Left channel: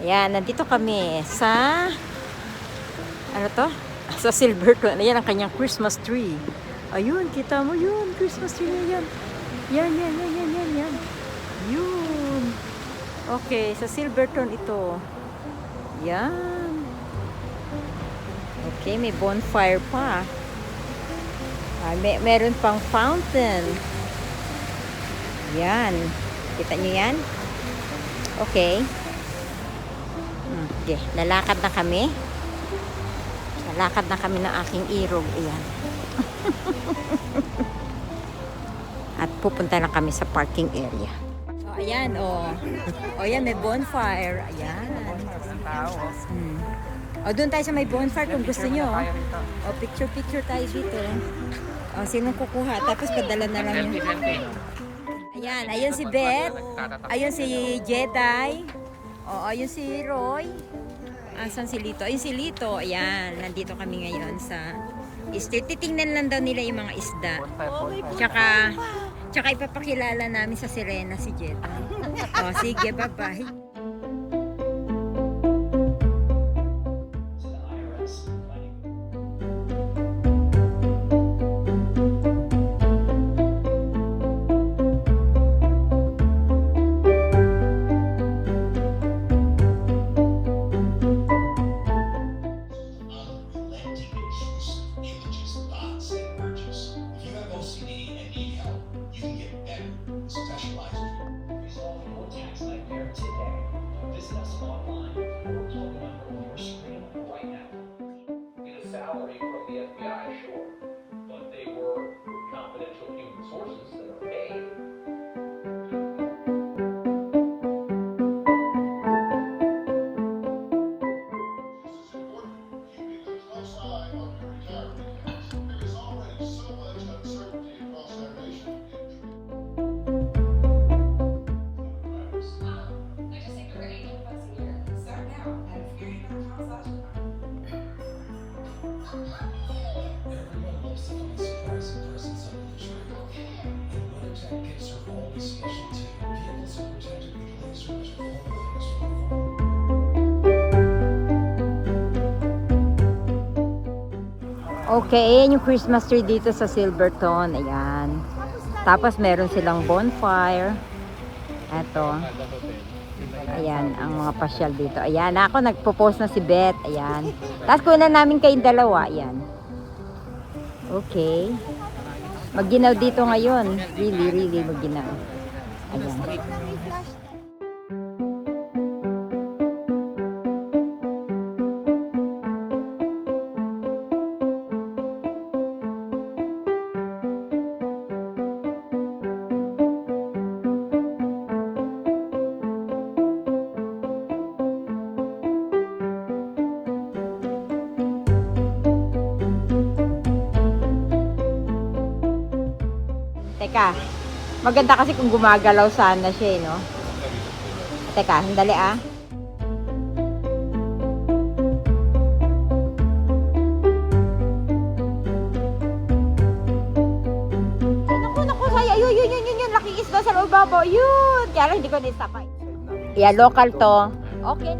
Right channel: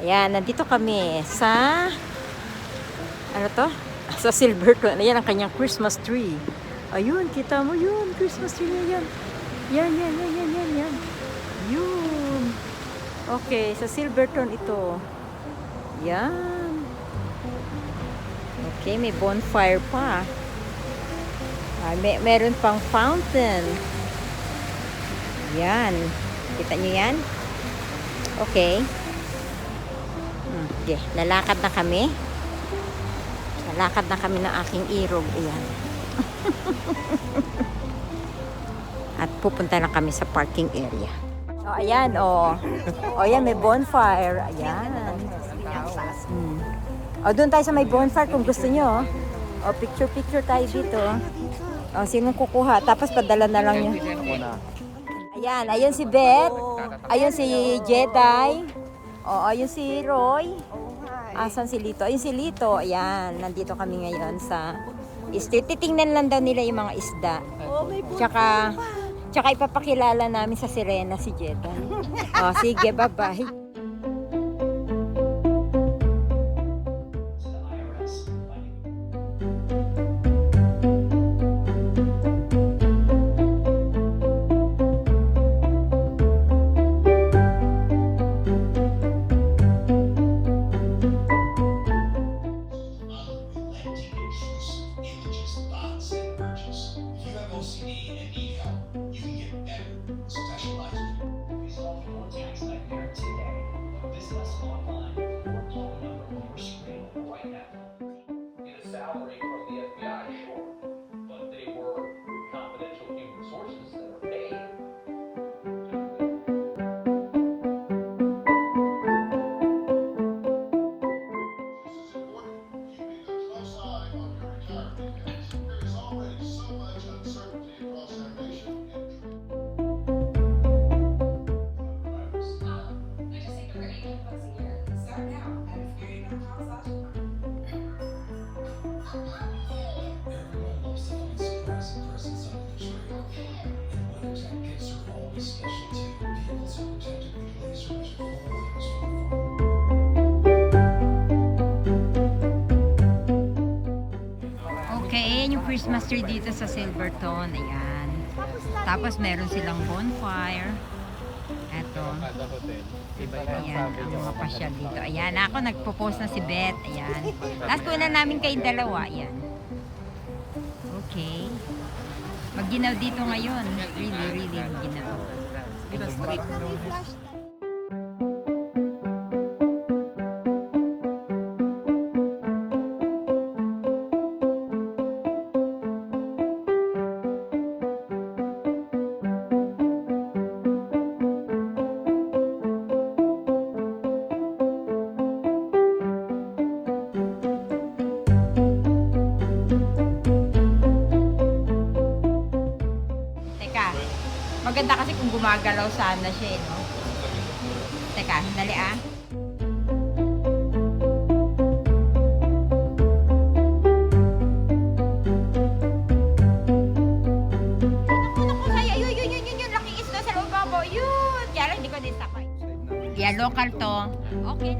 Ayan, nandito kami sa, ano to? Sa Silverton. Ayan ang kanyang Christmas tree. Ayun, kita mo yun. Christmas tree na yan. Yan. Yun. Okay, sa Silverton ito. Yan. Okay, may bonfire pa. Meron pang fountain. Yan. Kita nyo yan? Okay. Okay, lalakad na kami. Lalakad na kami ng aking irog. Ayan. At pupunta na kami sa parking area. Oh, ayan, oh. Oh, ayan, may bonfire. Ayan. Oh, doon tayo sa may bonfire kung gusto nyo. Oh, picture tayo dito. Oh, sinong kukuha? Tapos padala na lang yung... Ayan, ayun si Beth. Ayun si Jedi. Oh, ayun si Roy. Asan si Lito? Ayun si Lito. Ayan, nandito kami ngayon sa street. Titingnan lang daw nila yung mga isda. Tsaka ipapakilala namin sa Sirena si Jedi. Oh, sige, bye-bye. Salary from the FBI, sure, but they were confidential human sources that are paid. It's important keeping a close eye on your retirement as there is already so much uncertainty across our nation. I just think we're $800 a year. Start now at experience.com/. Everyone loves to find surprising presents under the tree. And WeatherTech gifts are always special too. Vehicles are protected with laser vision photo from Okay, ayan yung Christmas tree dito sa Silverton. Ayan. Tapos meron silang bonfire. Eto. Ayan, ang mga pasyal dito. Ayan, ako nagpo-post na si Beth. Ayan. Tapos kunan namin kayong dalawa. Ayan. Okay. Magginaw dito ngayon. Really magginaw. Ayan. Teka, maganda kasi kung gumagalaw sana siya, no? Teka, sandali ah. Naku, saya. Yun, laking isda sa loob babo. Yun! Kaya lang hindi ko na-stop. Yeah, local to. Okay.